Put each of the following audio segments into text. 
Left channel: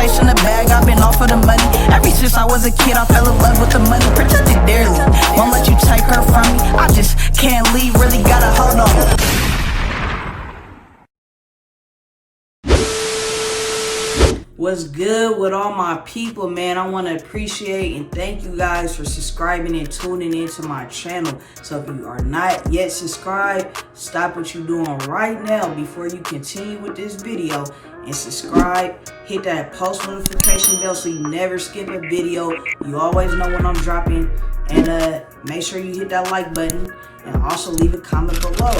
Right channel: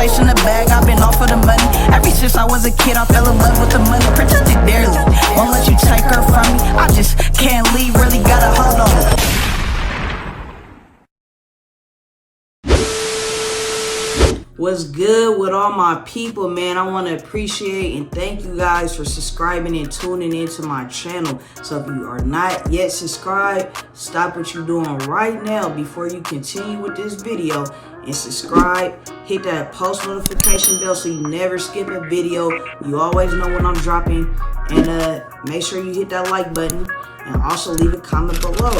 chasing the bag, I've been off for the money. Ever since I was a kid, I fell in love with the money. Protect it dearly, won't let you take her from me. I just can't leave, really gotta hold on. What's good with all my people, man? I want to appreciate and thank you guys for subscribing and tuning into my channel. So if you are not yet subscribed, stop what you're doing right now before you continue with this video and subscribe. Hit that post notification bell so you never skip a video. You always know when I'm dropping. And make sure you hit that like button and also leave a comment below.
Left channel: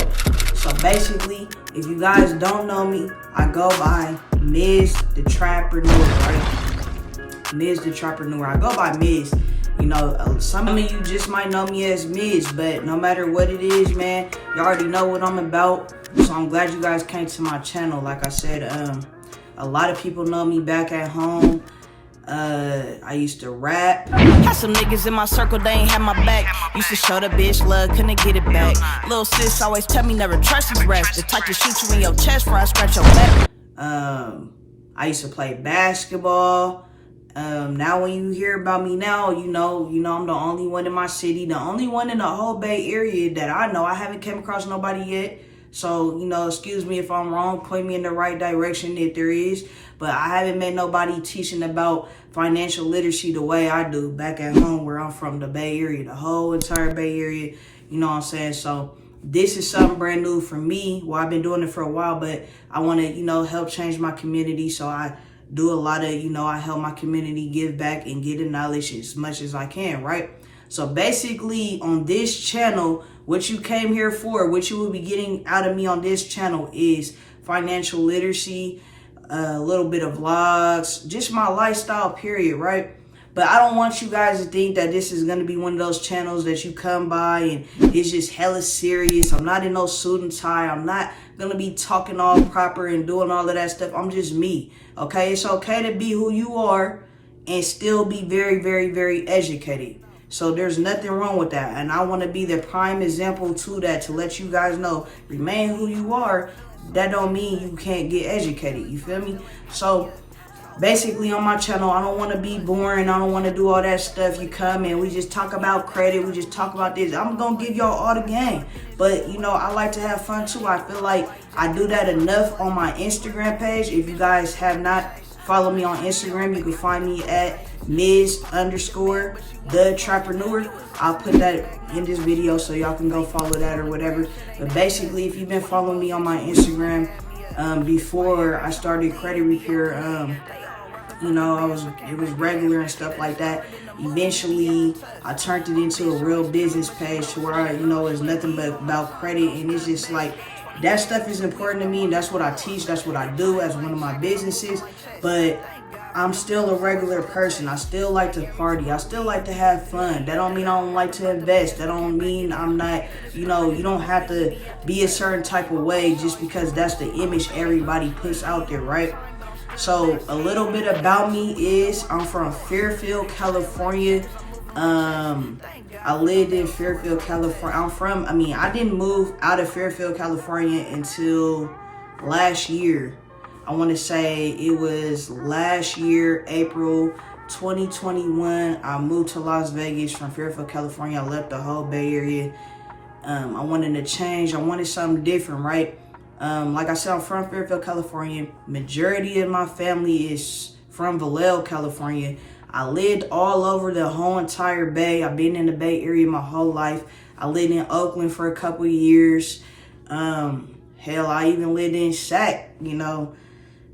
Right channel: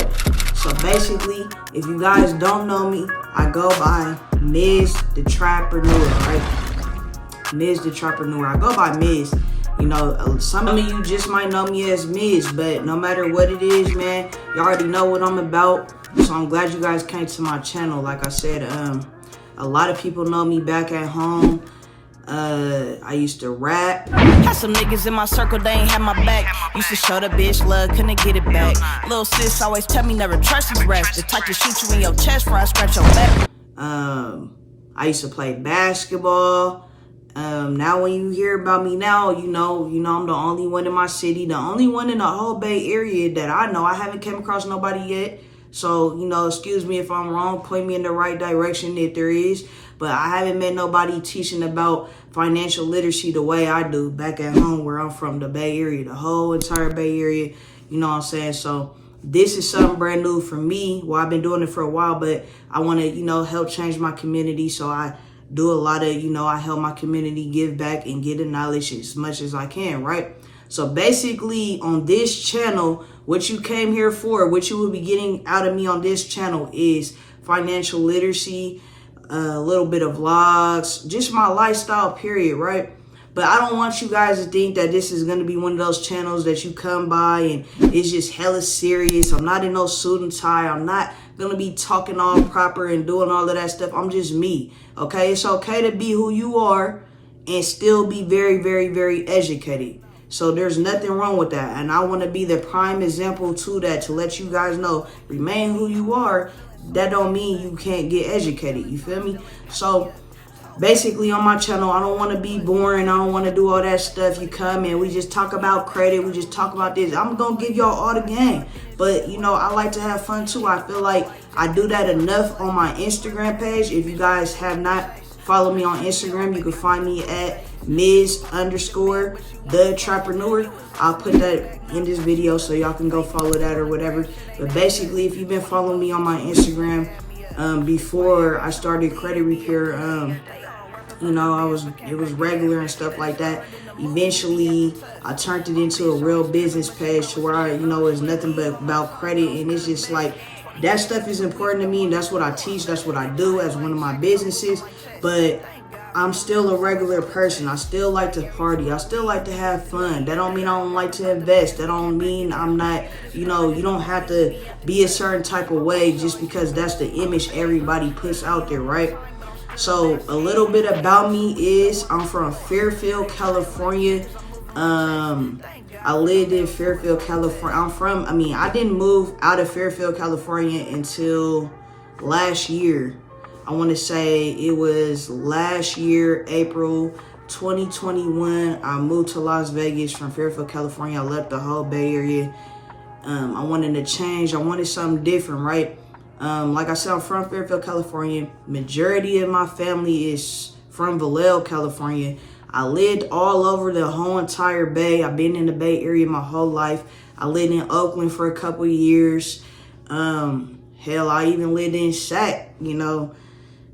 So basically, if you guys don't know me, I go by MizzThaTrappreneur, right? MizzThaTrappreneur. I go by Mizz. You know, some of you just might know me as Mizz, but no matter what it is, man, you already know what I'm about. So I'm glad you guys came to my channel. Like I said, a lot of people know me back at home. I used to rap. Had some niggas in my circle, they ain't had my back. Used to show the bitch love, couldn't get it back. Little sis always tell me never trust these rats. The type to shoot you in your chest before I scratch your back. I used to play basketball. Now when you hear about me now, you know I'm the only one in my city, the only one in the whole Bay Area that I know. I haven't came across nobody yet. So, you know, excuse me if I'm wrong, point me in the right direction if there is. But I haven't met nobody teaching about financial literacy the way I do back at home where I'm from, the Bay Area, the whole entire Bay Area. You know what I'm saying? So this is something brand new for me. Well, I've been doing it for a while, but I want to, you know, help change my community. So I do a lot of, you know, I help my community give back and get the knowledge as much as I can, right? So basically on this channel, what you came here for, what you will be getting out of me on this channel is financial literacy, a little bit of vlogs, just my lifestyle period, right? But I don't want you guys to think that this is going to be one of those channels that you come by and it's just hella serious. I'm not in no suit and tie. I'm not going to be talking all proper and doing all of that stuff. I'm just me, okay? It's okay to be who you are and still be very, very, very educated. So there's nothing wrong with that. And I want to be the prime example to that, to let you guys know, remain who you are. That don't mean you can't get educated. You feel me? So basically on my channel, I don't want to be boring. I don't want to do all that stuff. You come and we just talk about credit. We just talk about this. I'm going to give y'all all the game. But, you know, I like to have fun too. I feel like I do that enough on my Instagram page. If you guys have not followed me on Instagram, you can find me at MizzThaTrappreneur. I'll put that in this video so y'all can go follow that or whatever. But basically, if you've been following me on my Instagram before I started credit repair, you know, it was regular and stuff like that. Eventually, I turned it into a real business page to where I, you know, it's nothing but about credit, and it's just like that stuff is important to me, and that's what I teach. That's what I do as one of my businesses. But I'm still a regular person. I still like to party. I still like to have fun. That don't mean I don't like to invest. That don't mean I'm not, you know, you don't have to be a certain type of way just because that's the image everybody puts out there, right? So a little bit about me is I'm from Fairfield, California. I lived in Fairfield, California. I didn't move out of Fairfield, California until last year. I want to say it was last year, April 2021. I moved to Las Vegas from Fairfield, California. I left the whole Bay Area. I wanted to change. I wanted something different, right? Like I said, I'm from Fairfield, California. Majority of my family is from Vallejo, California. I lived all over the whole entire Bay. I've been in the Bay Area my whole life. I lived in Oakland for a couple of years. Hell, I even lived in Sac, you know.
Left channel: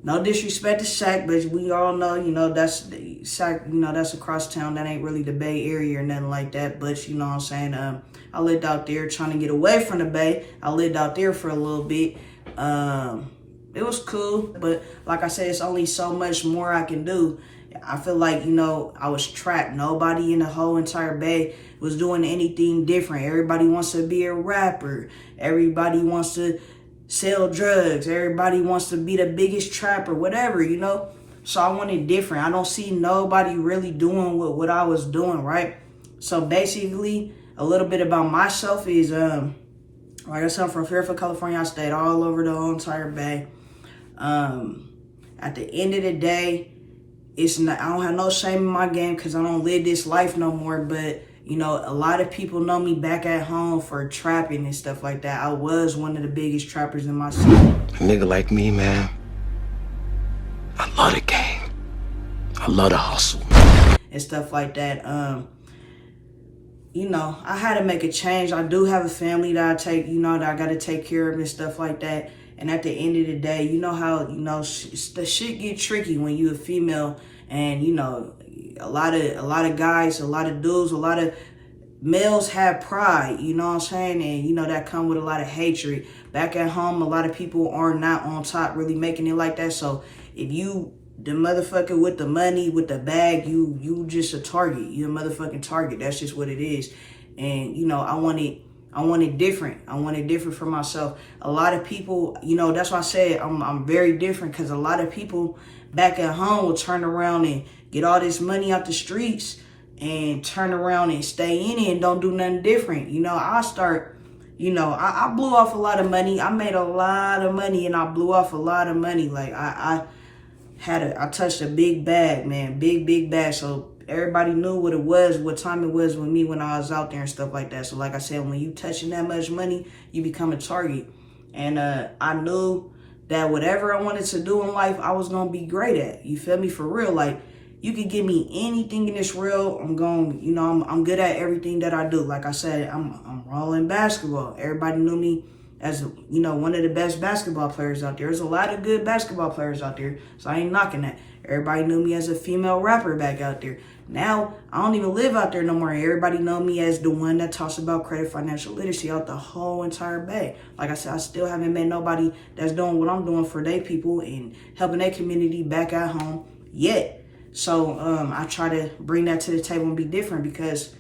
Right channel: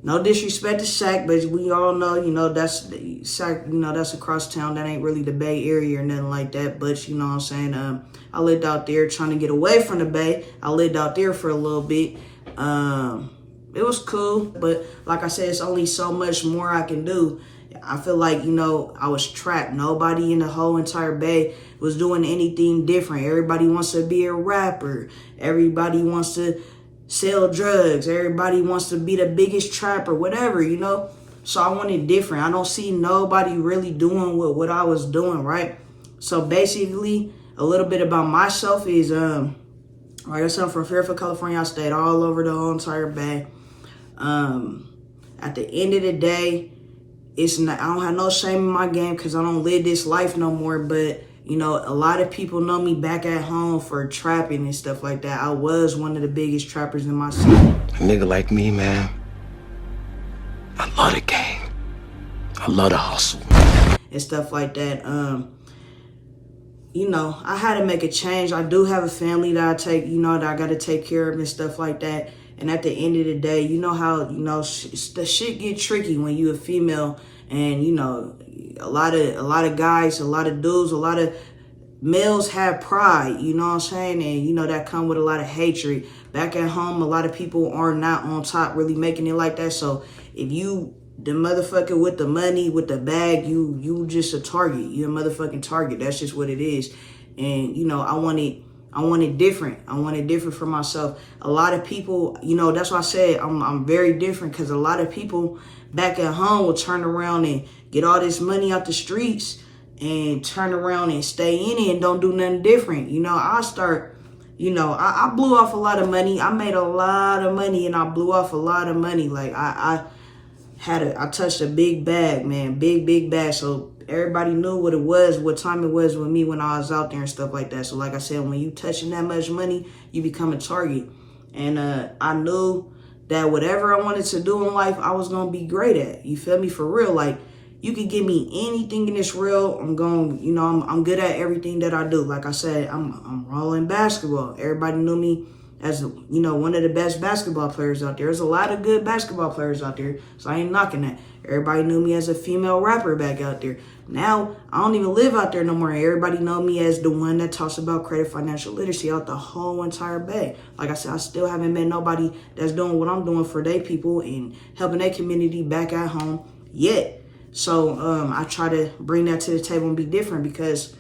No disrespect to Sac, but we all know, you know, that's Sac, you know, that's across town. That ain't really the Bay Area or nothing like that. But you know what I'm saying? I lived out there trying to get away from the Bay. I lived out there for a little bit. It was cool, but like I said, it's only so much more I can do. I feel like, you know, I was trapped. Nobody in the whole entire Bay was doing anything different. Everybody wants to be a rapper. Everybody wants to sell drugs. Everybody wants to be the biggest trapper, whatever, you know. So I wanted different. I don't see nobody really doing what I was doing, right? So basically, a little bit about myself is, like I said, I'm from Fairfield, California. I stayed all over the whole entire Bay. At the end of the day, it's not, I don't have no shame in my game because I don't live this life no more. But, you know, a lot of people know me back at home for trapping and stuff like that. I was one of the biggest trappers in my city. A nigga like me, man, I love the game. I love the hustle. And stuff like that. You know, I had to make a change. I do have a family that I take, you know, that I got to take care of and stuff like that. And at the end of the day, you know how, you know, the shit get tricky when you a female, and, you know, a lot of guys, a lot of dudes, a lot of males have pride, you know what I'm saying? And, you know, that come with a lot of hatred. Back at home, a lot of people are not on top really making it like that. So if you the motherfucker with the money, with the bag, you just a target. You're a motherfucking target. That's just what it is. And, you know, I want it different. I want it different for myself. A lot of people, you know, that's why I said I'm very different, because a lot of people back at home will turn around and get all this money out the streets and turn around and stay in it and don't do nothing different. You know, I blew off a lot of money. I made a lot of money and I blew off a lot of money. Like I touched a big bag, man, big bag. So everybody knew what it was, what time it was with me when I was out there and stuff like that. So like I said, when you touching that much money, you become a target. And I knew that whatever I wanted to do in life, I was going to be great at. You feel me? For real. Like, you could give me anything in this world. I'm good at everything that I do. Like I said, I'm raw in basketball. Everybody knew me as, you know, one of the best basketball players out there. There's a lot of good basketball players out there, so I ain't knocking that. Everybody knew me as a female rapper back out there. Now, I don't even live out there no more. Everybody know me as the one that talks about credit, financial literacy out the whole entire bag. Like I said, I still haven't met nobody that's doing what I'm doing for their people and helping their community back at home yet. So I try to bring that to the table and be different, because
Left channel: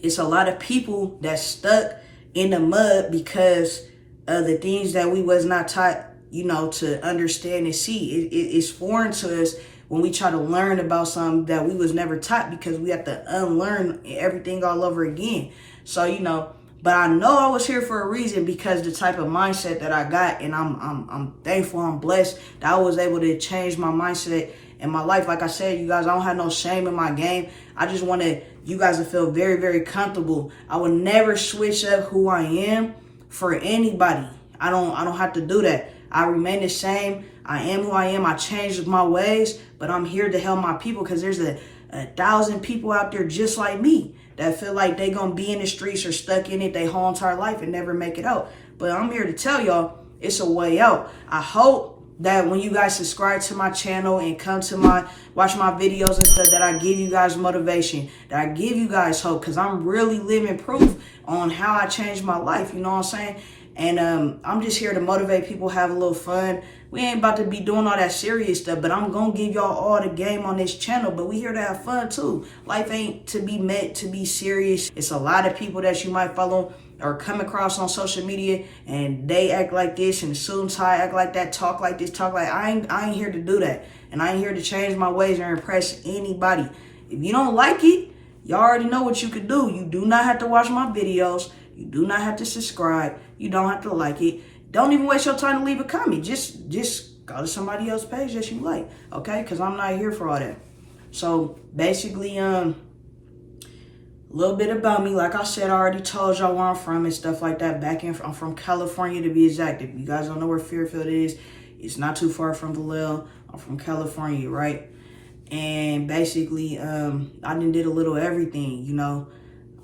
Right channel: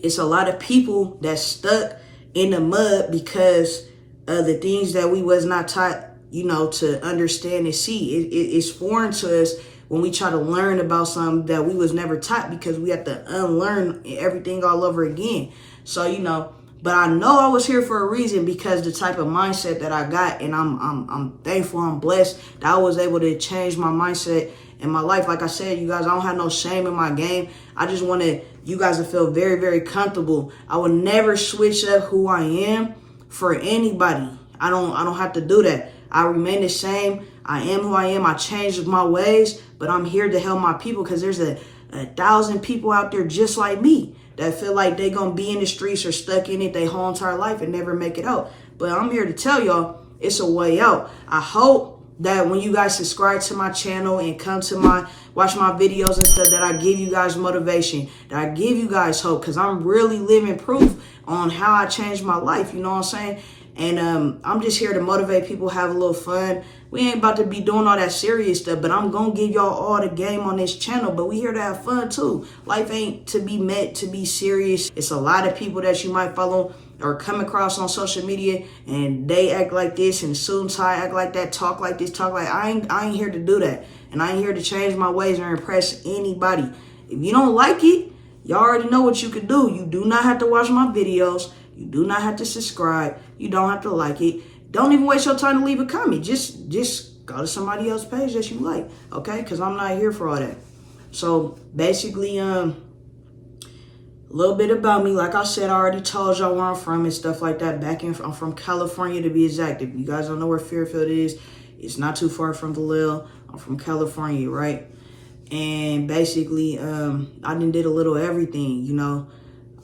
it's a lot of people that's stuck in the mud because of the things that we was not taught, you know, to understand and see. It's foreign to us when we try to learn about something that we was never taught, because we have to unlearn everything all over again. So, you know, but I know I was here for a reason, because the type of mindset that I got, and I'm thankful, I'm blessed that I was able to change my mindset in my life. Like I said, you guys, I don't have no shame in my game. I just wanted you guys to feel very, very comfortable. I would never switch up who I am for anybody. I don't have to do that. I remain the same. I am who I am. I changed my ways, but I'm here to help my people, because there's a 1,000 people out there just like me that feel like they gonna be in the streets or stuck in it their whole entire life and never make it out. But I'm here to tell y'all it's a way out. I hope that when you guys subscribe to my channel and come to watch my videos and stuff, that I give you guys motivation, that I give you guys hope, because I'm really living proof on how I changed my life, you know what I'm saying? And I'm just here to motivate people, have a little fun. We ain't about to be doing all that serious stuff, but I'm gonna give y'all all the game on this channel. But we here to have fun too. Life ain't to be meant to be serious. It's a lot of people that you might follow or come across on social media, and they act like this, and suit and tie act like that, talk like this, talk like I ain't here to do that. And I ain't here to change my ways or impress anybody. If you don't like it, y'all already know what you could do. You do not have to watch my videos. You do not have to subscribe. You don't have to like it. Don't even waste your time to leave a comment. Just go to somebody else's page that you like, okay? Because I'm not here for all that. So basically, a little bit about me. Like I said, I already told y'all where I'm from and stuff like that. I'm from California, to be exact. If you guys don't know where Fairfield is, it's not too far from Vallejo. I'm from California, right? And basically, I done did a little everything, you know.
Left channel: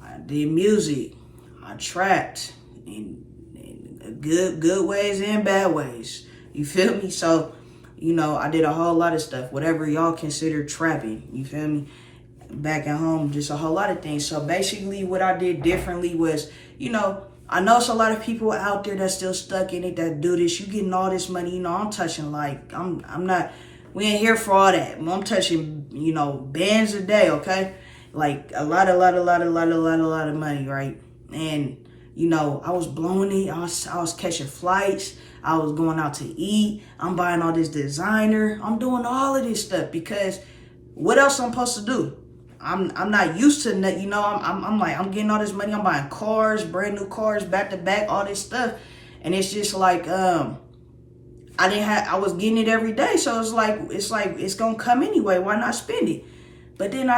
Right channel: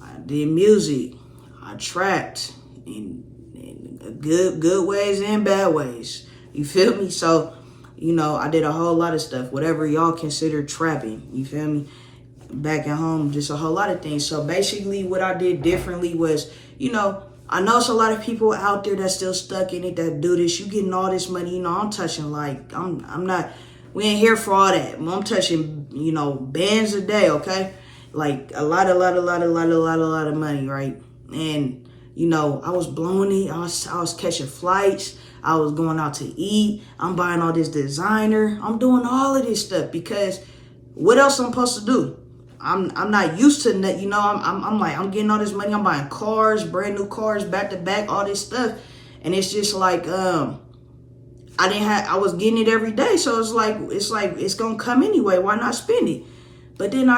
I did music. I trapped in good ways and bad ways. You feel me? So, you know, I did a whole lot of stuff, whatever y'all consider trapping. You feel me? Back at home, just a whole lot of things. So basically what I did differently was, you know, I know it's a lot of people out there that's still stuck in it that do this. You getting all this money, you know, I'm touching like, I'm not, we ain't here for all that. I'm touching, you know, bands a day, okay? Like a lot of money, right? And, you know, I was blowing it. I was catching flights. I was going out to eat. I'm buying all this designer. I'm doing all of this stuff because what else I'm supposed to do? I'm not used to that, you know. I'm like, I'm getting all this money. I'm buying cars, brand new cars, back to back, all this stuff. And it's just like, I I was getting it every day. So it's like, it's going to come anyway. Why not spend it? But then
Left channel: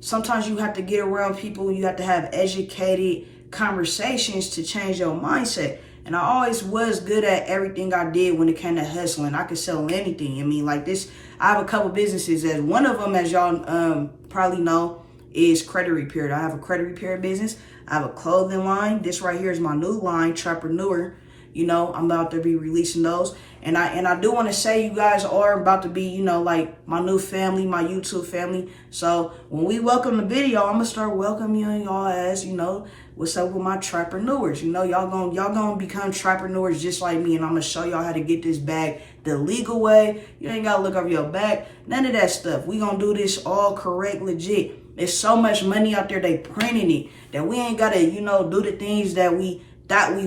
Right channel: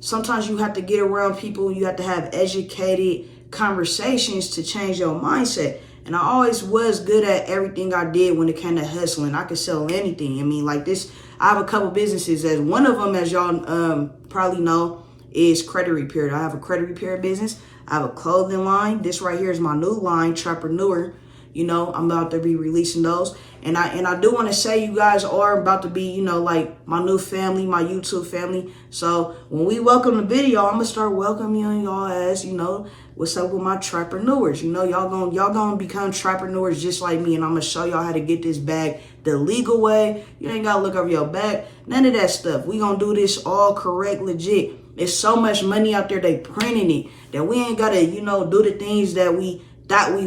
sometimes you have to get around people. You have to have educated conversations to change your mindset. And I always was good at everything I did when it came to hustling. I could sell anything. I mean, like this, I have a couple businesses. As one of them, as y'all probably know, is credit repair. I have a credit repair business. I have a clothing line. This right here is my new line, Trappreneur. You know, I'm about to be releasing those. And I do want to say you guys are about to be, you know, like my new family, my YouTube family. So when we welcome the video, I'm going to start welcoming y'all as, you know, what's up with my Trappreneurs. You know, y'all gonna become Trappreneurs just like me. And I'm going to show y'all how to get this bag the legal way. You ain't got to look over your back. None of that stuff. We going to do this all correct, legit. There's so much money out there, they printing it, that we ain't got to, you know, do the things that we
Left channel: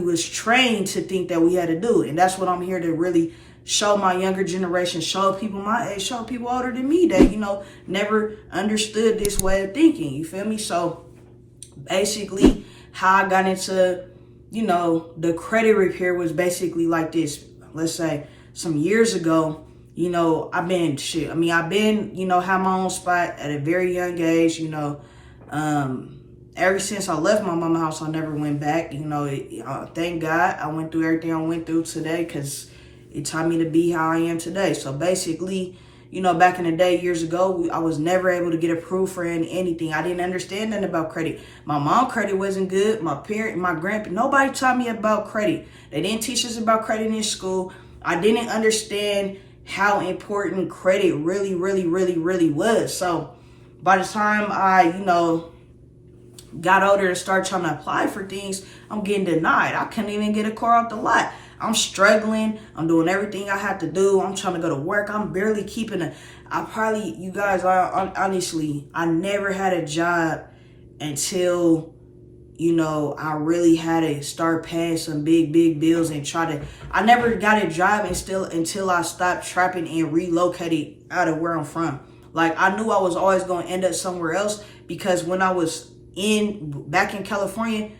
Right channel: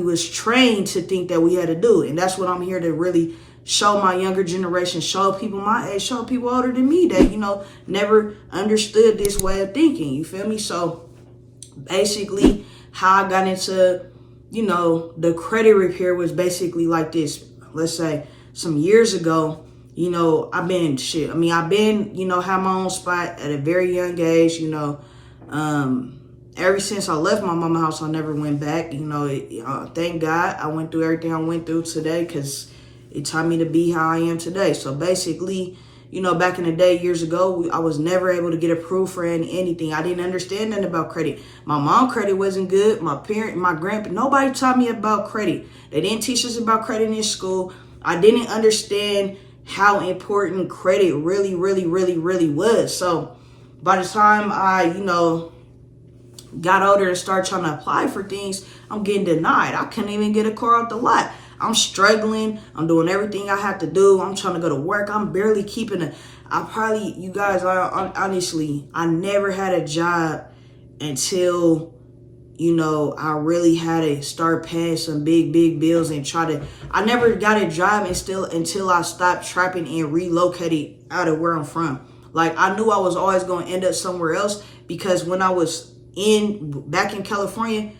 was trained to think that we had to do. And that's what I'm here to really show my younger generation, show people my age, show people older than me that, you know, never understood this way of thinking. You feel me? So basically how I got into, you know, the credit repair was basically like this. Let's say some years ago, you know, I've been, you know, had my own spot at a very young age, you know, ever since I left my mama's house, I never went back. You know, thank God I went through everything I went through today, because it taught me to be how I am today. So basically, you know, back in the day, years ago, I was never able to get approved for anything. I didn't understand nothing about credit. My mom's credit wasn't good. My grandpa, nobody taught me about credit. They didn't teach us about credit in school. I didn't understand how important credit really, really, really, really was. So by the time I, you know, got older to start trying to apply for things, I'm getting denied. I couldn't even get a car off the lot. I'm struggling. I'm doing everything I have to do. I'm trying to go to work. I'm barely keeping you guys, honestly, I never had a job until, you know, I really had to start paying some big bills and I never got a job until I stopped trapping and relocated out of where I'm from. Like, I knew I was always going to end up somewhere else, because when I was back in California,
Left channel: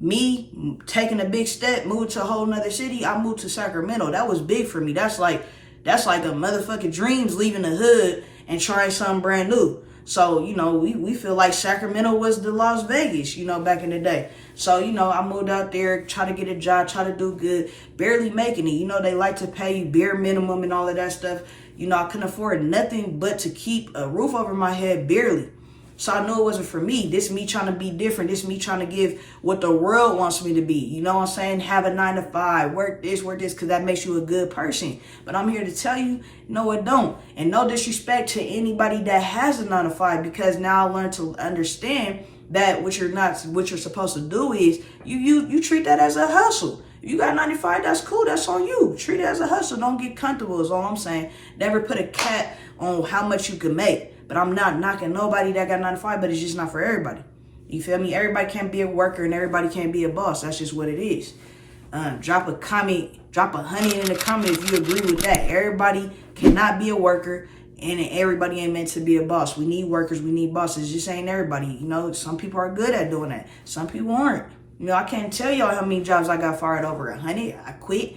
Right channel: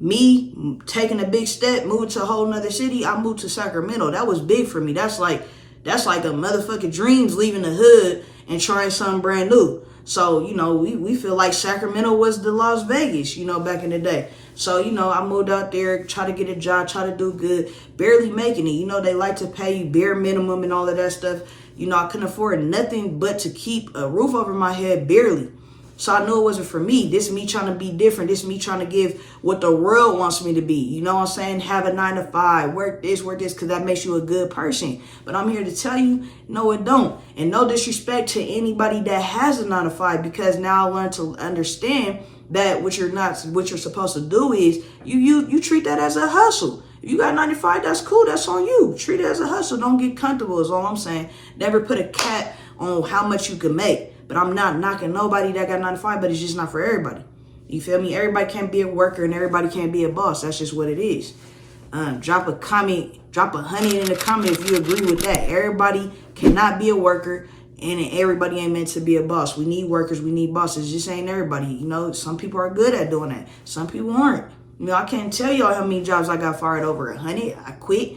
me taking a big step, moving to a whole nother city, I moved to Sacramento. That was big for me. That's like a motherfucking dreams, leaving the hood and trying something brand new. So, you know, we feel like Sacramento was the Las Vegas, you know, back in the day. So, you know, I moved out there, try to get a job, try to do good, barely making it. You know, they like to pay you bare minimum and all of that stuff. You know, I couldn't afford nothing but to keep a roof over my head, barely. So I knew it wasn't for me. This me trying to be different. This me trying to give what the world wants me to be. You know what I'm saying? Have a 9 to 5, work this, because that makes you a good person. But I'm here to tell you, no, it don't. And no disrespect to anybody that has a 9 to 5, because now I learned to understand that what you're supposed to do is you treat that as a hustle. If you got 95, that's cool. That's on you. Treat it as a hustle. Don't get comfortable is all I'm saying. Never put a cap on how much you can make. But I'm not knocking nobody that got 9 to 5, but it's just not for everybody. You feel me? Everybody can't be a worker and everybody can't be a boss. That's just what it is. Drop a comment, drop a honey in the comment if you agree with that. Everybody cannot be a worker, and everybody ain't meant to be a boss. We need workers, we need bosses. Just ain't everybody. You know, some people are good at doing that. Some people aren't. You know, I can't tell y'all how many jobs I got fired over. Honey, I quit.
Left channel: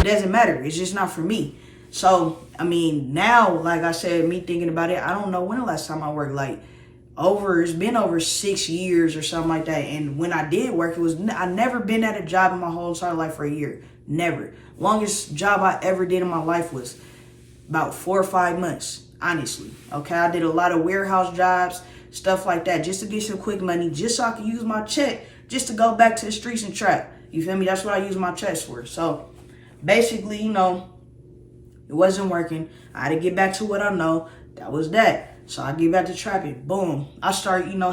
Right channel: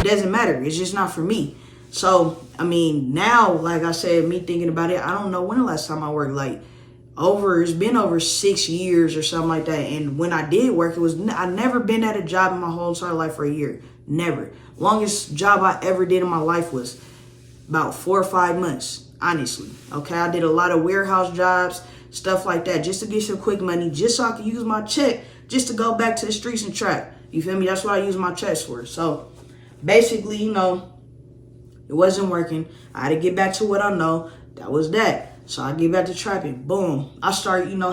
It doesn't matter. It's just not for me. So, I mean, now, like I said, me thinking about it, I don't know when the last time I worked. Like, it's been over 6 years or something like that. And when I did work, I never been at a job in my whole entire life for a year. Never. Longest job I ever did in my life was about 4 or 5 months, honestly. Okay, I did a lot of warehouse jobs, stuff like that, just to get some quick money, just so I could use my check, just to go back to the streets and trap. You feel me? That's what I use my checks for. So, basically, you know, it wasn't working. I had to get back to what I know. That was that. So I get back to trapping. Boom. I start, you know,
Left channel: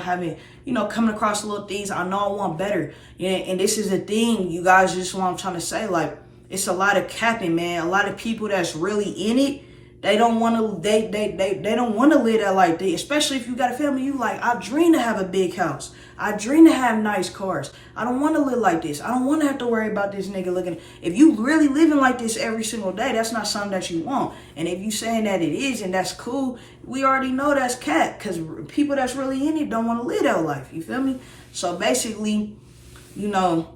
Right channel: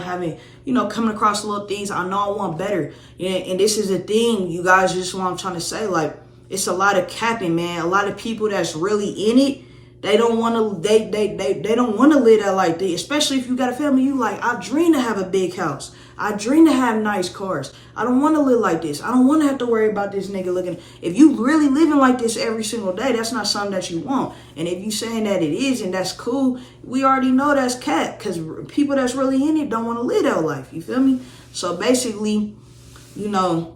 coming across little things. I know I want better. You know, and this is a thing, you guys, just what I'm trying to say. Like, it's a lot of capping, man. A lot of people that's really in it, they don't want to, they don't want to live that life. Especially if you got a family, you like, I dream to have a big house. I dream to have nice cars. I don't want to live like this. I don't want to have to worry about this nigga looking. If you really living like this every single day, that's not something that you want. And if you saying that it is, and that's cool, we already know that's cat. Because people that's really in it don't want to live that life. You feel me? So basically, you know,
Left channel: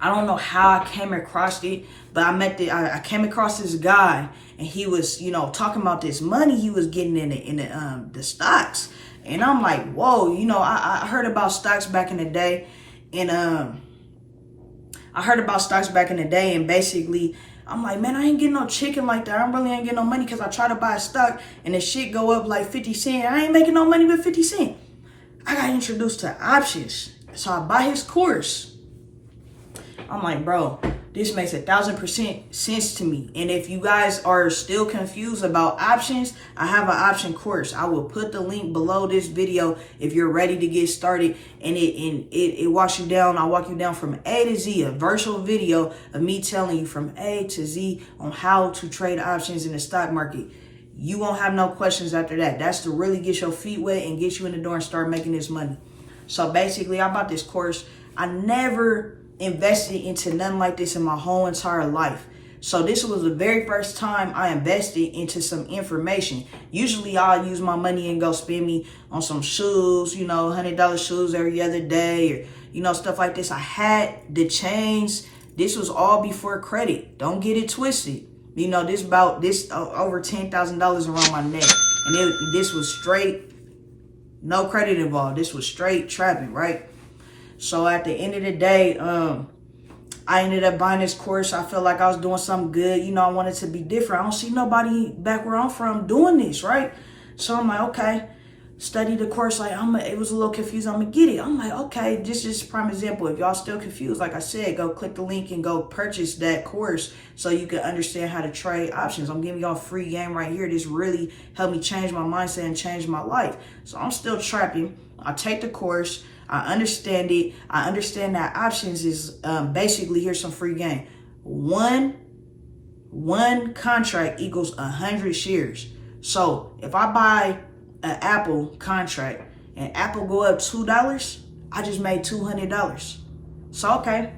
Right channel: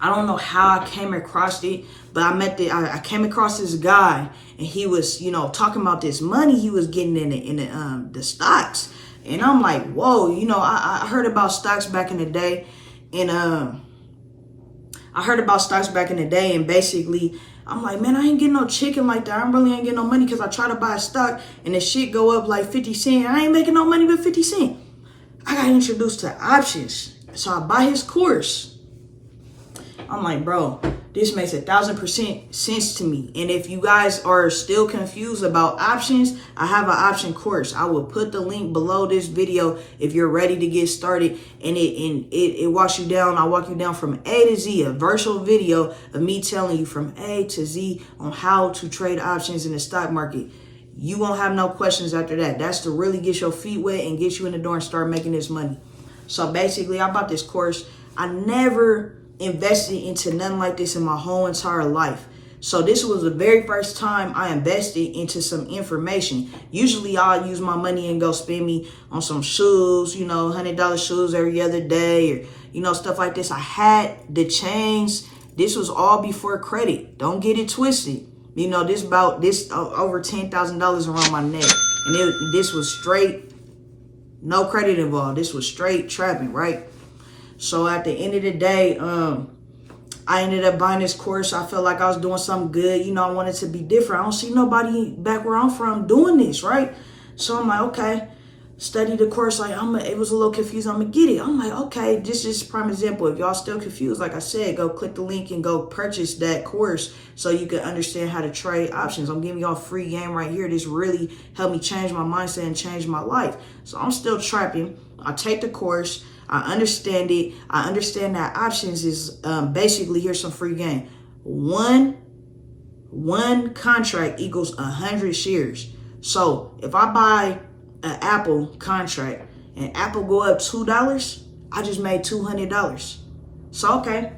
I don't know how I came across it, but I came across this guy, and he was, you know, talking about this money he was getting in the stocks. And I'm like, whoa, you know, I heard about stocks back in the day, and and basically I'm like, man, I ain't getting no chicken like that. I really ain't getting no money, because I try to buy a stock and the shit go up like 50 cents. I ain't making no money but 50 cents. I got introduced to options. So I buy his course. I'm like, bro, this makes 1,000% sense to me. And if you guys are still confused about options, I have an option course. I will put the link below this video if you're ready to get started. And it walks you down. I walk you down from A to Z, a virtual video of me telling you from A to Z on how to trade options in the stock market. You won't have no questions after that. That's to really get your feet wet and get you in the door and start making this money. So basically, I bought this course. I never invested into nothing like this in my whole entire life. So this was the very first time I invested into some information. Usually I'll use my money and go spend me on some shoes, you know, $100 shoes every other day, or, you know, stuff like this. I had the chains. This was all before credit. Don't get it twisted. You know, this over $10,000 around my neck. And this was straight, no credit involved. This was straight trapping, right? So at the end of the day, I ended up buying this course. I felt like I was doing something good. You know, I wanted to be different. I don't see nobody back where I'm from doing this, right? So I'm like, okay, study the course. Like, it was a little confused. I'm going to get it. I'm like, okay, this is a prime example. If y'all still confused, like I said, go click the link and go purchase that course so you can understand how to trade options. I'm giving y'all a free game right here. This really helped me change my mindset and change my life. So I'm still trapping. I take the course. I understand it. I understand that options is basically, here's some free game. One contract equals 100 shares. So if I buy an Apple contract and Apple go up $2, I just made $200. So, okay,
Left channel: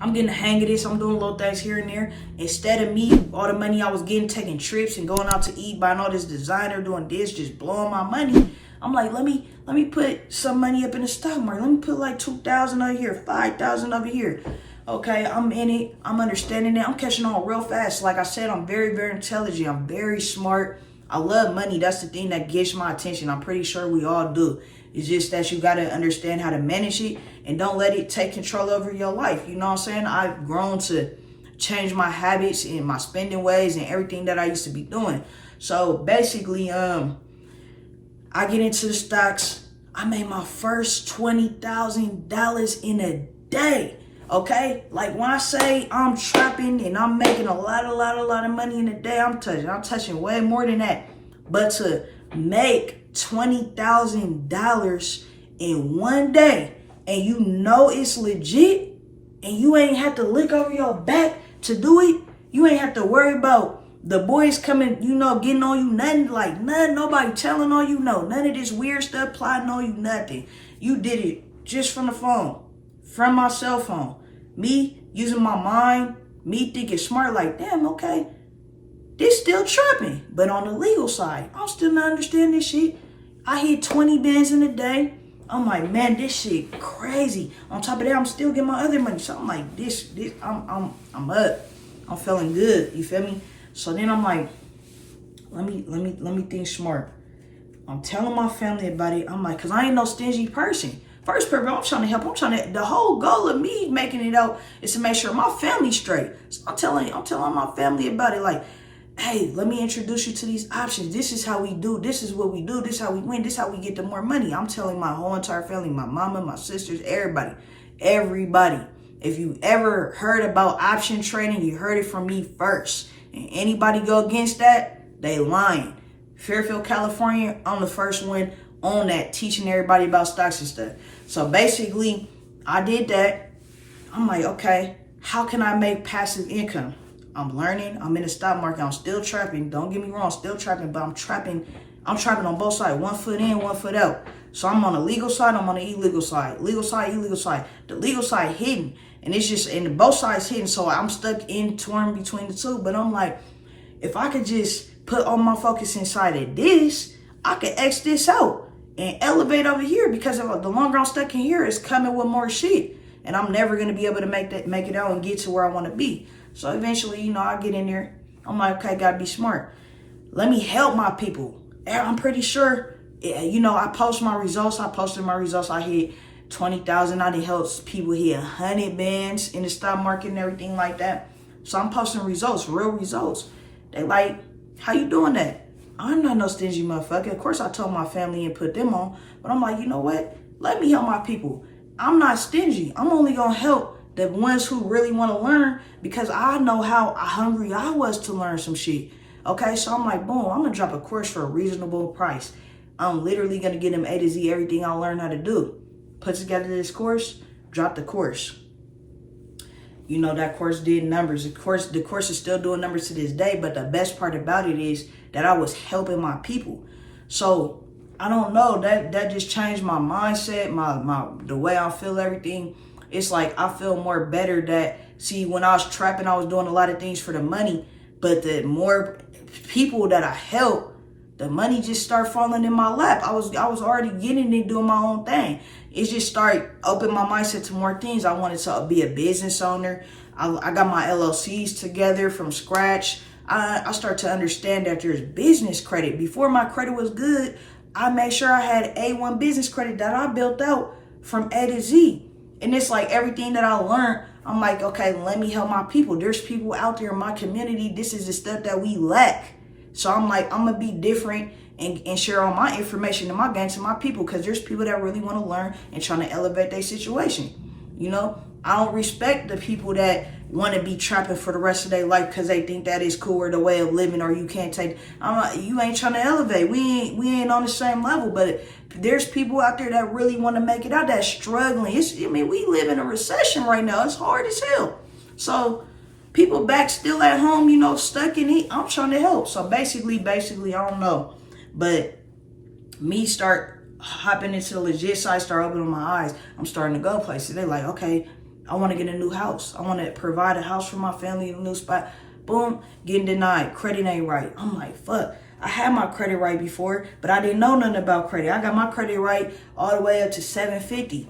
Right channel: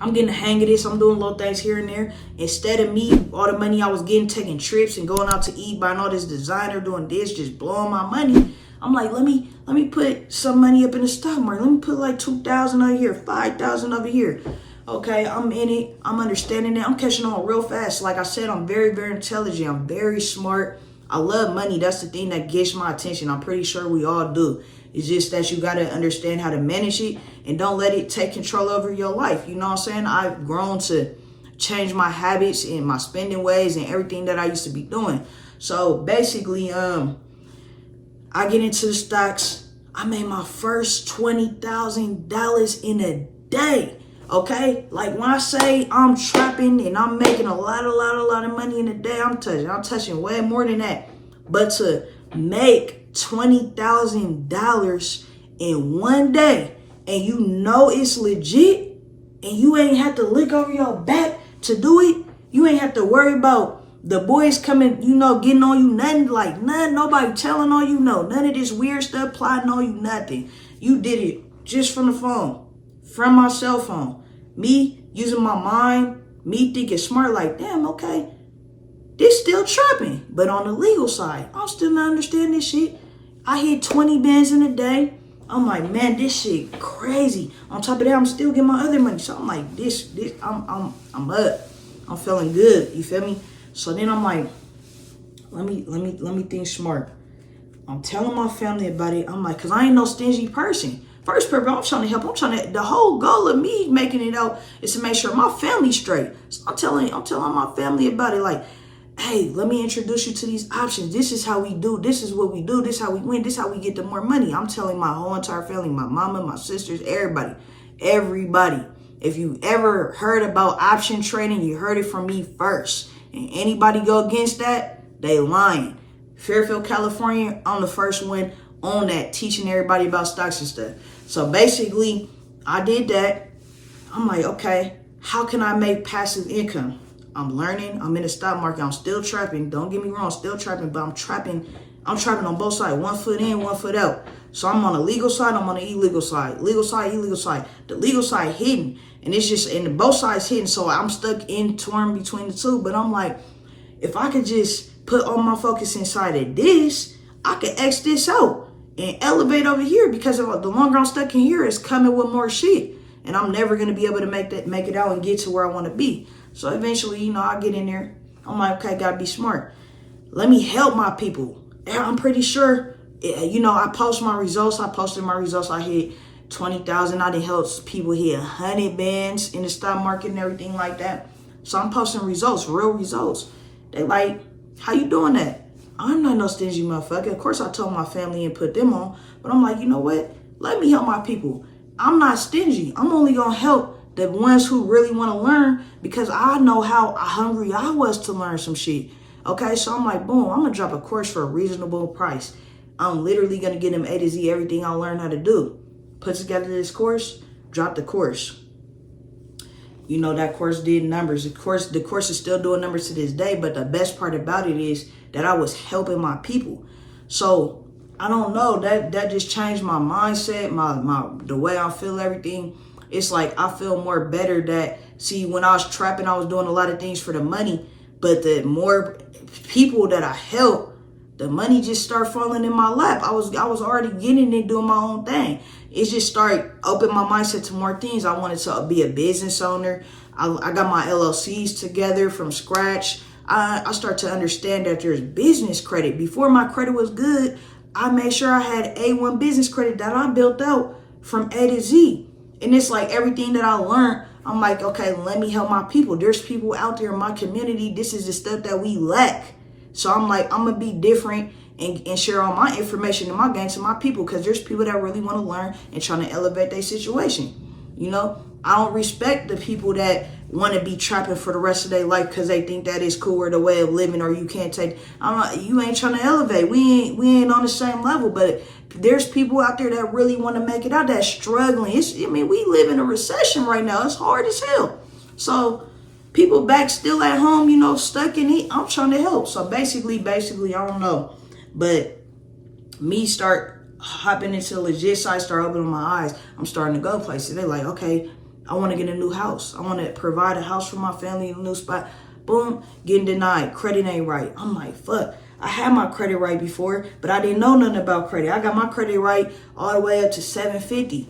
I'm getting the hang of this. I'm doing little things here and there. Instead of me, all the money I was getting, taking trips and going out to eat, buying all this designer, doing this, just blowing my money, I'm like, let me put some money up in the stock market. Let me put like 2,000 over here, 5,000 over here. Okay, I'm in it. I'm understanding it. I'm catching on real fast. Like I said, I'm very, very intelligent. I'm very smart. I love money. That's the thing that gets my attention. I'm pretty sure we all do. It's just that you got to understand how to manage it and don't let it take control over your life. You know what I'm saying? I've grown to change my habits and my spending ways and everything that I used to be doing. So basically, I get into the stocks. I made my first $20,000 in a day. Okay, like when I say I'm trapping and I'm making a lot of money in a day, I'm touching way more than that. But to make $20,000 in one day, and you know it's legit, and you ain't have to look over your back to do it, you ain't have to worry about the boys coming, you know, getting on you, nothing, nobody telling on you, none of this weird stuff plotting on you, nothing. You did it just from the phone, from my cell phone. Me using my mind, me thinking smart, like, damn, okay, this still trapping. But on the legal side, I'm still not understanding this shit. I hit 20 bands in a day. I'm like, man, this shit crazy. On top of that, I'm still getting my other money. So I'm like, I'm up. I'm feeling good. You feel me? So then I'm like, let me think smart. I'm telling my family about it. I'm like, cause I ain't no stingy person. First purpose, I'm trying to help. The whole goal of me making it out is to make sure my family's straight. So I'm telling my family about it. Like, hey, let me introduce you to these options. This is how we do. This is what we do. This is how we win. This is how we get the more money. I'm telling my whole entire family, my mama, my sisters, everybody. If you ever heard about option trading, you heard it from me first. And anybody go against that, they lying. Fairfield, California, I'm the first one on that, teaching everybody about stocks and stuff. So basically, I did that. I'm like, okay, how can I make passive income? I'm learning. I'm in the stock market. I'm still trapping. Don't get me wrong, still trapping, but I'm trapping on both sides. One foot in, one foot out. So I'm on the legal side, I'm on the illegal side. Legal side, illegal side. The legal side hidden. And it's just, and both sides hidden. So I'm stuck in torn between the two. But I'm like, if I could just put all my focus inside of this, I could X this out and elevate over here, because if the longer I'm stuck in here, it's coming with more shit. And I'm never going to be able to make it out and get to where I want to be. So eventually, you know, I get in there. I'm like, okay, gotta be smart. Let me help my people. And I'm pretty sure, you know, I post my results. I posted my results. I hit 20,000. I done helped people hit 100 bands in the stock market and everything like that. So I'm posting results, real results. They like, how you doing that? I'm not no stingy motherfucker. Of course, I told my family and put them on. But I'm like, you know what? Let me help my people. I'm not stingy. I'm only going to help the ones who really want to learn, because I know how hungry I was to learn some shit. Okay, so I'm like, boom, I'm going to drop a course for a reasonable price. I'm literally going to get them A to Z, everything I learned how to do. Put together this course, drop the course. You know, that course did numbers. The course is still doing numbers to this day, but the best part about it is that I was helping my people. So I don't know, that just changed my mindset, the way I feel everything. It's like I feel more better that, see, when I was trapping, I was doing a lot of things for the money, but the more people that I help, the money just started falling in my lap. I was already getting it, doing my own thing. It just started opening my mindset to more things. I wanted to be a business owner. I got my LLCs together from scratch. I started to understand that there's business credit. Before my credit was good, I made sure I had A1 business credit that I built out from A to Z. And it's like everything that I learned, I'm like, okay, let me help my people. There's people out there in my community. This is the stuff that we lack. So I'm like, I'm going to be different and share all my information and my game to my people, because there's people that really want to learn and trying to elevate their situation. You know, I don't respect the people that want to be trapping for the rest of their life because they think that is cool or the way of living, or you can't take. You ain't trying to elevate. We ain't on the same level, but there's people out there that really want to make it out, that's struggling. We live in a recession right now. It's hard as hell. So people back still at home, you know, stuck in it. I'm trying to help. So basically, I don't know. But me start hopping into the legit side, start opening my eyes. I'm starting to go places. They're like, okay, I want to get a new house. I want to provide a house for my family in a new spot. Boom, getting denied. Credit ain't right. I'm like, fuck. I had my credit right before, but I didn't know nothing about credit. I got my credit right all the way up to 750.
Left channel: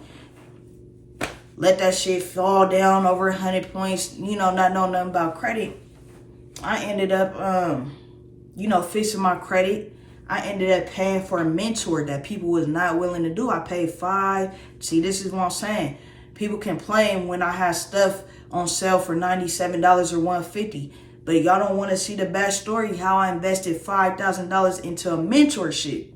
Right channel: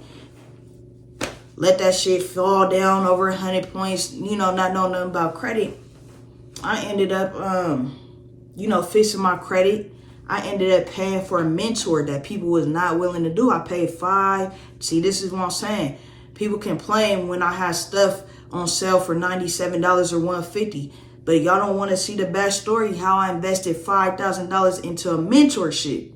Let that shit fall down over 100 points, you know, not knowing nothing about credit. I ended up, fixing my credit. I ended up paying for a mentor that people was not willing to do. I paid $5. See, this is what I'm saying. People complain when I have stuff on sale for $97 or $150. But y'all don't want to see the backstory, how I invested $5,000 into a mentorship.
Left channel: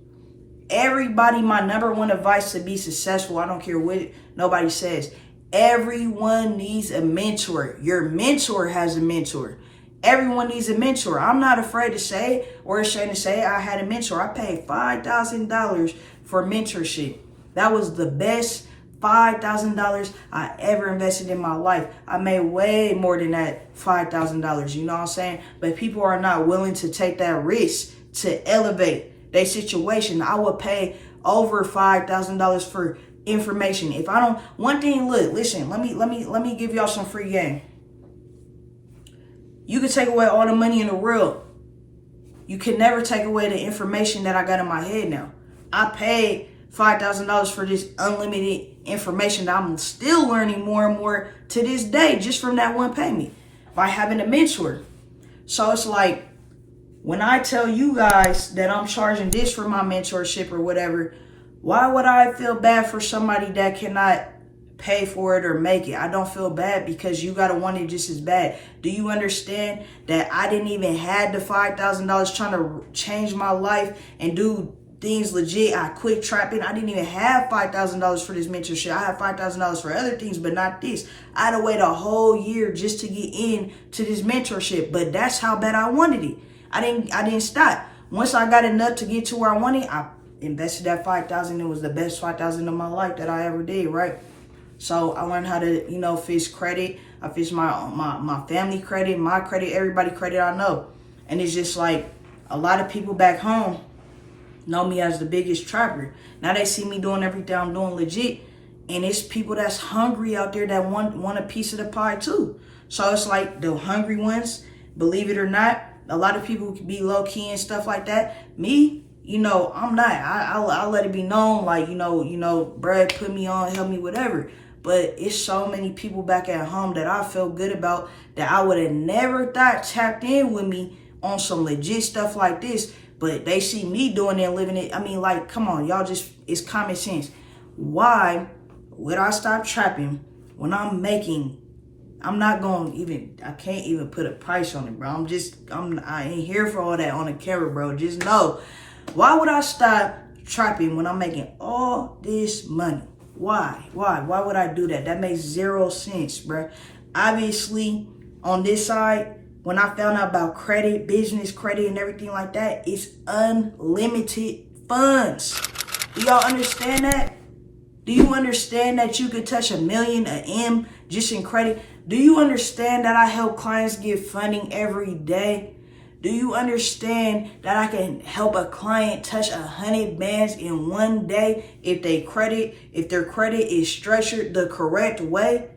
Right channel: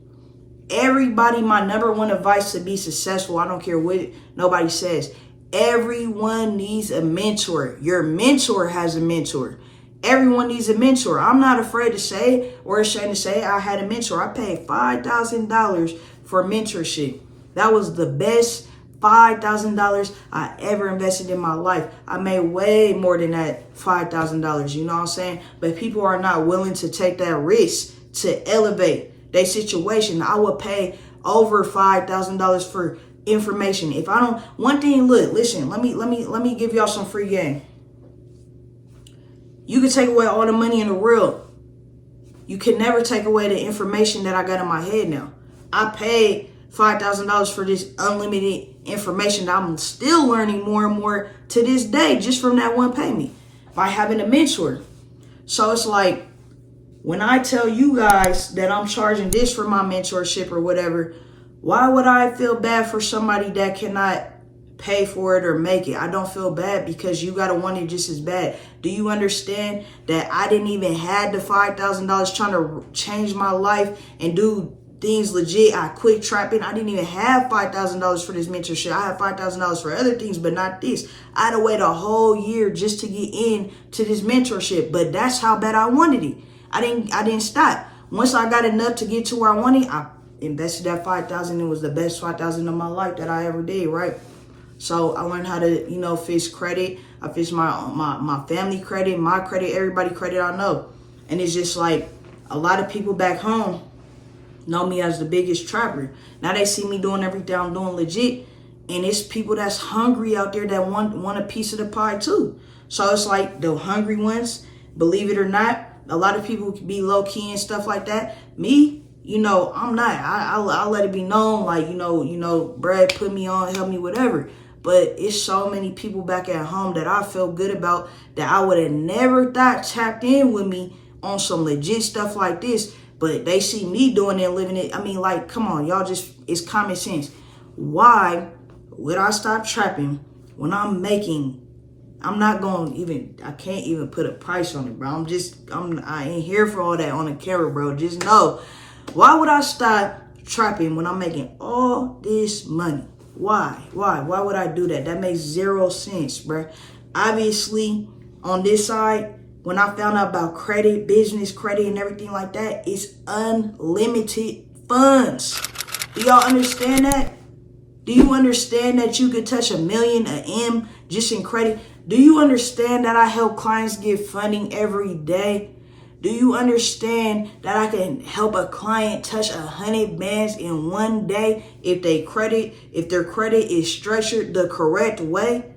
Everybody, my number one advice to be successful, I don't care what nobody says, everyone needs a mentor. Your mentor has a mentor. Everyone needs a mentor. I'm not afraid to say or ashamed to say I had a mentor. I paid $5,000 for mentorship. That was the best $5,000 I ever invested in my life. I made way more than that $5,000, you know what I'm saying? But people are not willing to take that risk to elevate their situation. I would pay over $5,000 for information. If I don't, one thing, look, listen, let me give y'all some free game. You can take away all the money in the world. You can never take away the information that I got in my head now. I paid $5,000 for this unlimited information that I'm still learning more and more to this day, just from that one payment by having a mentor. So it's like, when I tell you guys that I'm charging this for my mentorship or whatever, why would I feel bad for somebody that cannot pay for it or make it? I don't feel bad, because you gotta want it just as bad. Do you understand that I didn't even have the $5,000 trying to change my life and do things legit? I quit trapping. I didn't even have $5,000 for this mentorship. I had $5,000 for other things, but not this. I had to wait a whole year just to get in to this mentorship, but that's how bad I wanted it. I didn't stop. Once I got enough to get to where I wanted, I invested that $5,000. It was the best $5,000 of my life that I ever did, right? So I learned how to, fix credit. I fixed my family credit, my credit, everybody credit I know. And it's just like a lot of people back home, know me as the biggest trapper. Now they see me doing everything I'm doing legit, and it's people that's hungry out there that want a piece of the pie too. So it's like the hungry ones, believe it or not, a lot of people can be low key and stuff like that. Me, you know, I'm not. I'll let it be known, like, you know, Brad put me on, help me, whatever. But it's so many people back at home that I feel good about that I would have never thought tapped in with me on some legit stuff like this. But they see me doing it and living it. I mean, like, come on, y'all, just, it's common sense. Why would I stop trapping when I'm making, I'm not going to even, I can't even put a price on it, bro. I ain't here for all that on the camera, bro. Just know, why would I stop trapping when I'm making all this money? Why would I do that? That makes zero sense, bro. Obviously, on this side, when I found out about credit, business credit, and everything like that, it's unlimited funds. Do y'all understand that? Do you understand that you could touch $1 million, an M, just in credit? Do you understand that I help clients get funding every day? Do you understand that I can help a client touch 100 bands in one day if their credit is structured the correct way?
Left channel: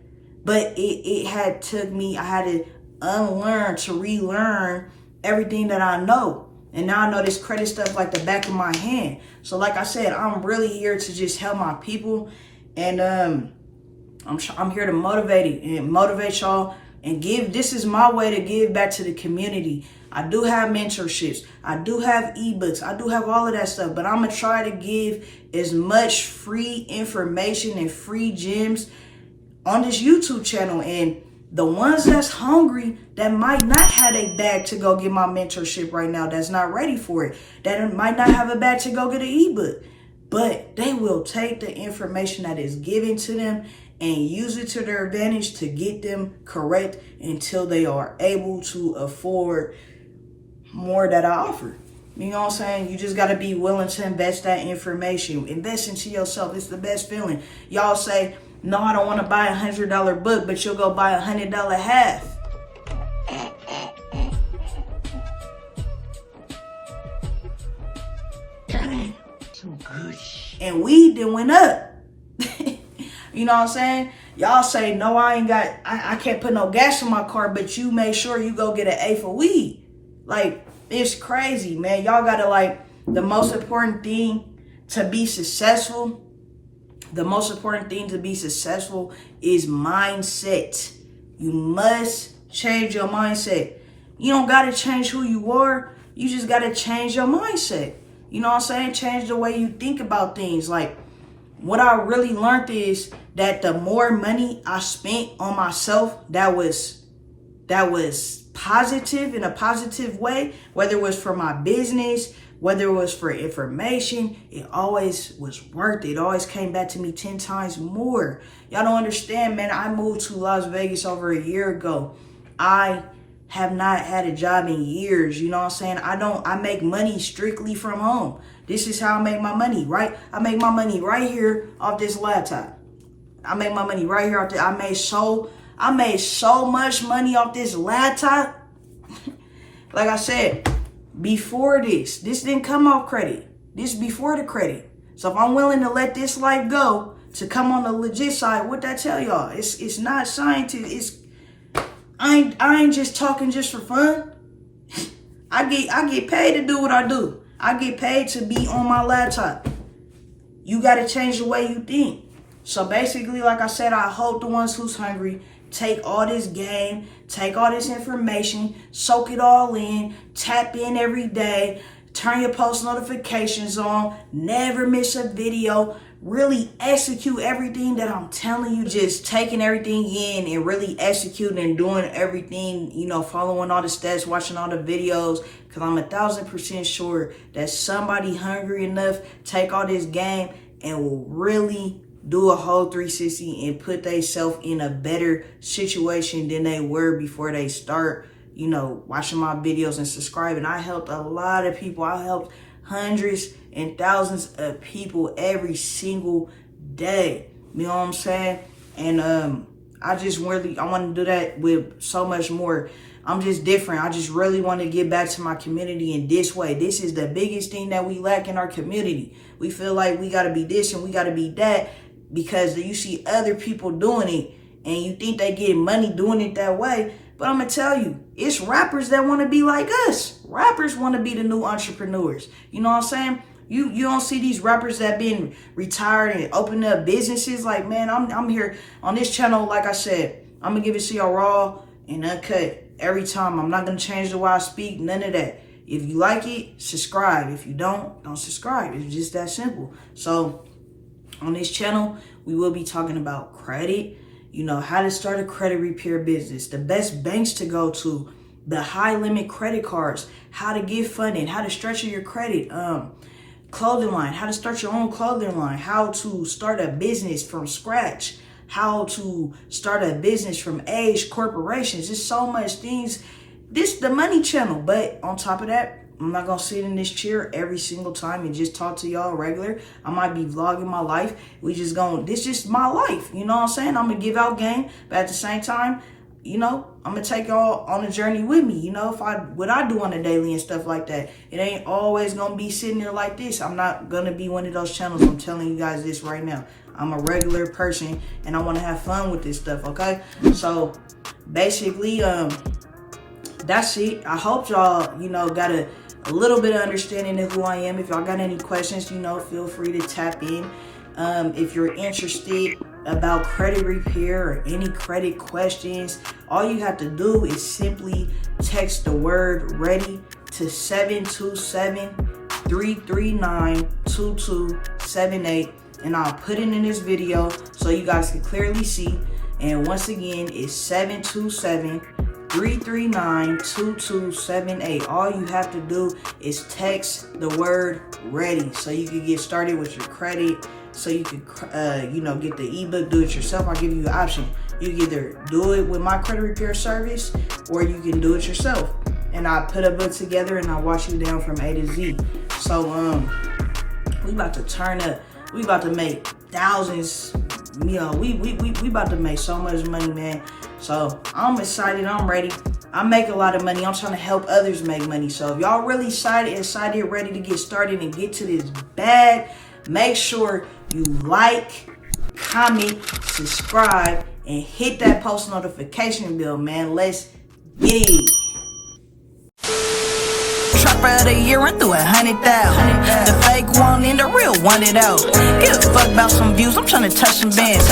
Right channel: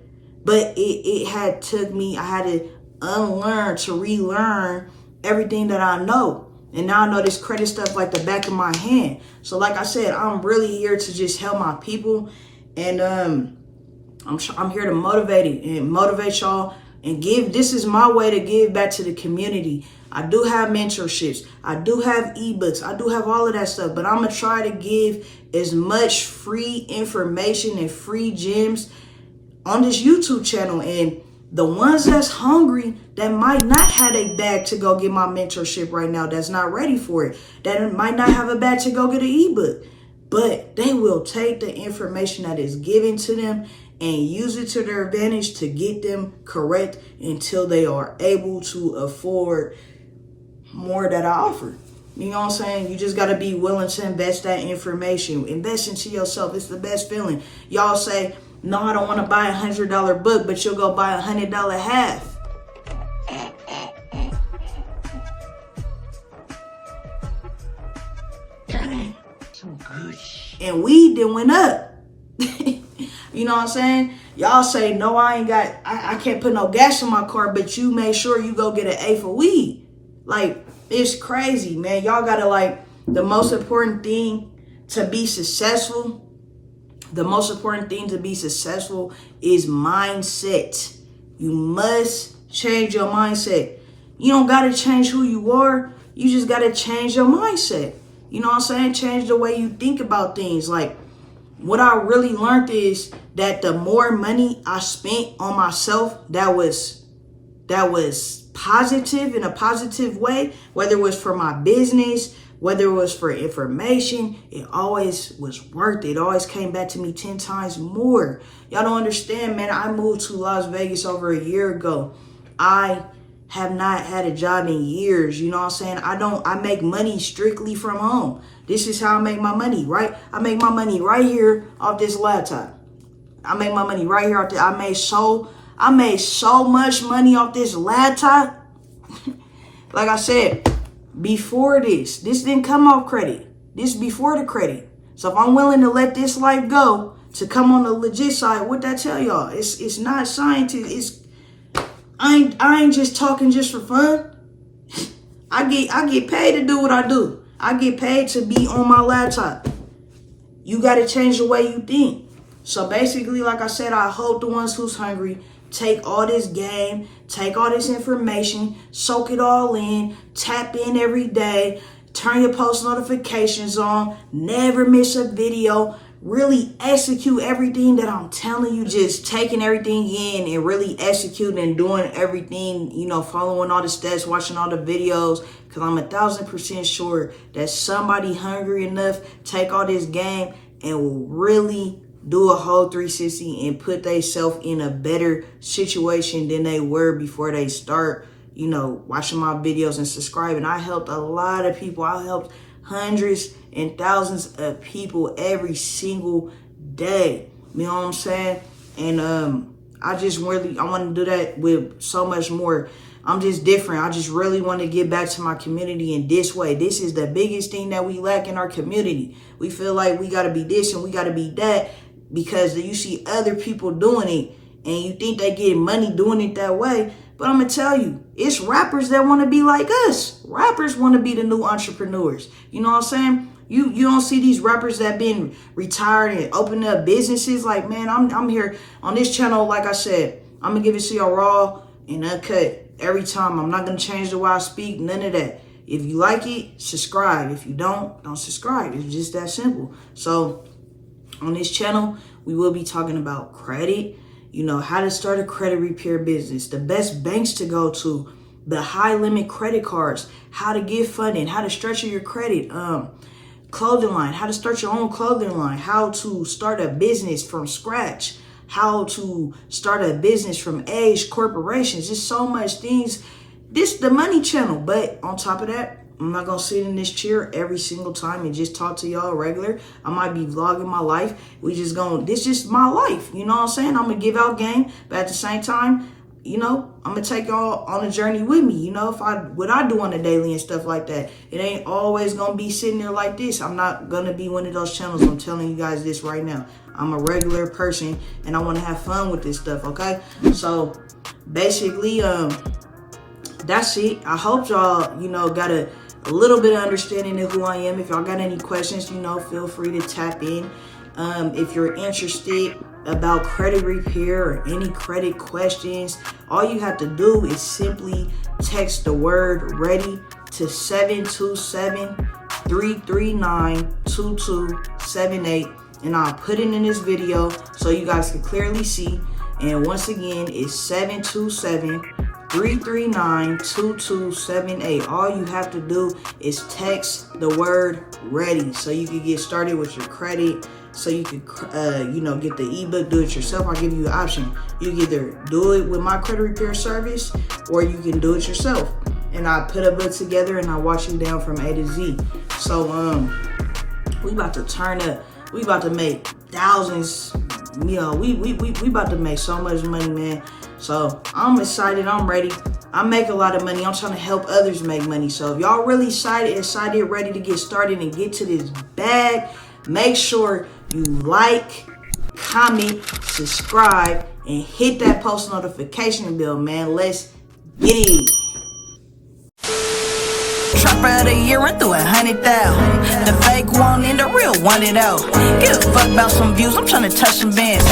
But it had took me, I had to unlearn to relearn everything that I know. And now I know this credit stuff like the back of my hand. So like I said, I'm really here to just help my people. And I'm here to motivate y'all and give. This is my way to give back to the community. I do have mentorships. I do have ebooks. I do have all of that stuff. But I'm going to try to give as much free information and free gems on this YouTube channel. And the ones that's hungry, that might not have a bag to go get my mentorship right now, that's not ready for it, that might not have a bag to go get an ebook, but they will take the information that is given to them and use it to their advantage to get them correct until they are able to afford more that I offer. You know what I'm saying? You just got to be willing to invest that information. Invest into yourself. It's the best feeling. Y'all say, no, I don't want to buy $100 book, but you'll go buy $100 half. Some good shit. And weed then went up. You know what I'm saying? Y'all say, no, I can't put no gas in my car, but you make sure you go get an A for weed. Like, it's crazy, man. Y'all gotta, like, the most important thing to be successful, is mindset. You must change your mindset. You don't gotta change who you are. You just gotta change your mindset. You know what I'm saying? Change the way you think about things. Like, what I really learned is that the more money I spent on myself, that was positive, in a positive way, whether it was for my business, whether it was for information, it always was worth it. It always came back to me 10 times more. Y'all don't understand, man. I moved to Las Vegas over a year ago. I have not had a job in years. You know what I'm saying? I make money strictly from home. This is how I make my money, right? I make my money right here off this laptop. I make my money right here off this. I made so much money off this laptop. Like I said, before this didn't come off credit. This before the credit. So if I'm willing to let this life go to come on the legit side, what that tell y'all? It's not scientific. I ain't just talking just for fun. I get paid to do what I do. I get paid to be on my laptop. You got to change the way you think. So basically, like I said, I hope the ones who's hungry take all this game, take all this information, soak it all in, tap in every day, turn your post notifications on, never miss a video, really execute everything that I'm telling you, just taking everything in and really executing and doing everything, you know, following all the steps, watching all the videos, because I'm 1,000% sure that somebody hungry enough take all this game and will really do a whole 360 and put themselves in a better situation than they were before they start, you know, watching my videos and subscribing. I helped a lot of people. I helped hundreds and thousands of people every single day. You know what I'm saying? And I want to do that with so much more. I'm just different. I just really want to give back to my community in this way. This is the biggest thing that we lack in our community. We feel like we got to be this and we got to be that because you see other people doing it and you think they get money doing it that way. But I'm going to tell you, it's rappers that want to be like us. Rappers want to be the new entrepreneurs. You know what I'm saying? You don't see these rappers that been retired and opening up businesses. Like, man, I'm here on this channel. Like I said, I'm going to give it to y'all raw and uncut every time. I'm not going to change the way I speak. None of that. If you like it, subscribe. If you don't subscribe. It's just that simple. So on this channel, we will be talking about credit, you know, how to start a credit repair business, the best banks to go to, the high limit credit cards, how to get funding, how to structure your credit, clothing line, how to start your own clothing line, how to start a business from scratch, how to start a business from age corporations. There's so much things. This the money channel, but on top of that, I'm not gonna sit in this chair every single time and just talk to y'all regular. I might be vlogging my life. This is my life. You know what I'm saying? I'm gonna give out game, but at the same time, you know, I'm gonna take y'all on a journey with me. You know, what I do on a daily and stuff like that. It ain't always gonna be sitting there like this. I'm not gonna be one of those channels. I'm telling you guys this right now. I'm a regular person and I want to have fun with this stuff. Okay, so basically, that's it. I hope y'all, you know, got a little bit of understanding of who I am. If y'all got any questions, you know, feel free to tap in. If you're interested about credit repair or any credit questions, all you have to do is simply text the word ready to 727-339-2278 and I'll put it in this video so you guys can clearly see. And once again, it's 727-339-2278. All you have to do is text the word ready so you can get started with your credit, so you can you know, get the ebook, do it yourself. I'll give you an option. You can either do it with my credit repair service or you can do it yourself. And I put a book together and I watch you down from A to Z. So we about to turn up. We about to make thousands. You know, we about to make so much money, man. So I'm excited. I'm ready. I make a lot of money. I'm trying to help others make money. So if y'all really excited, ready to get started and get to this bag, make sure you like, comment, subscribe, and hit that post notification bell, man. Let's get it. Trapper of the year, run through 100,000. The fake one and the real want it out. Give a fuck about some views, I'm tryna touch some bands.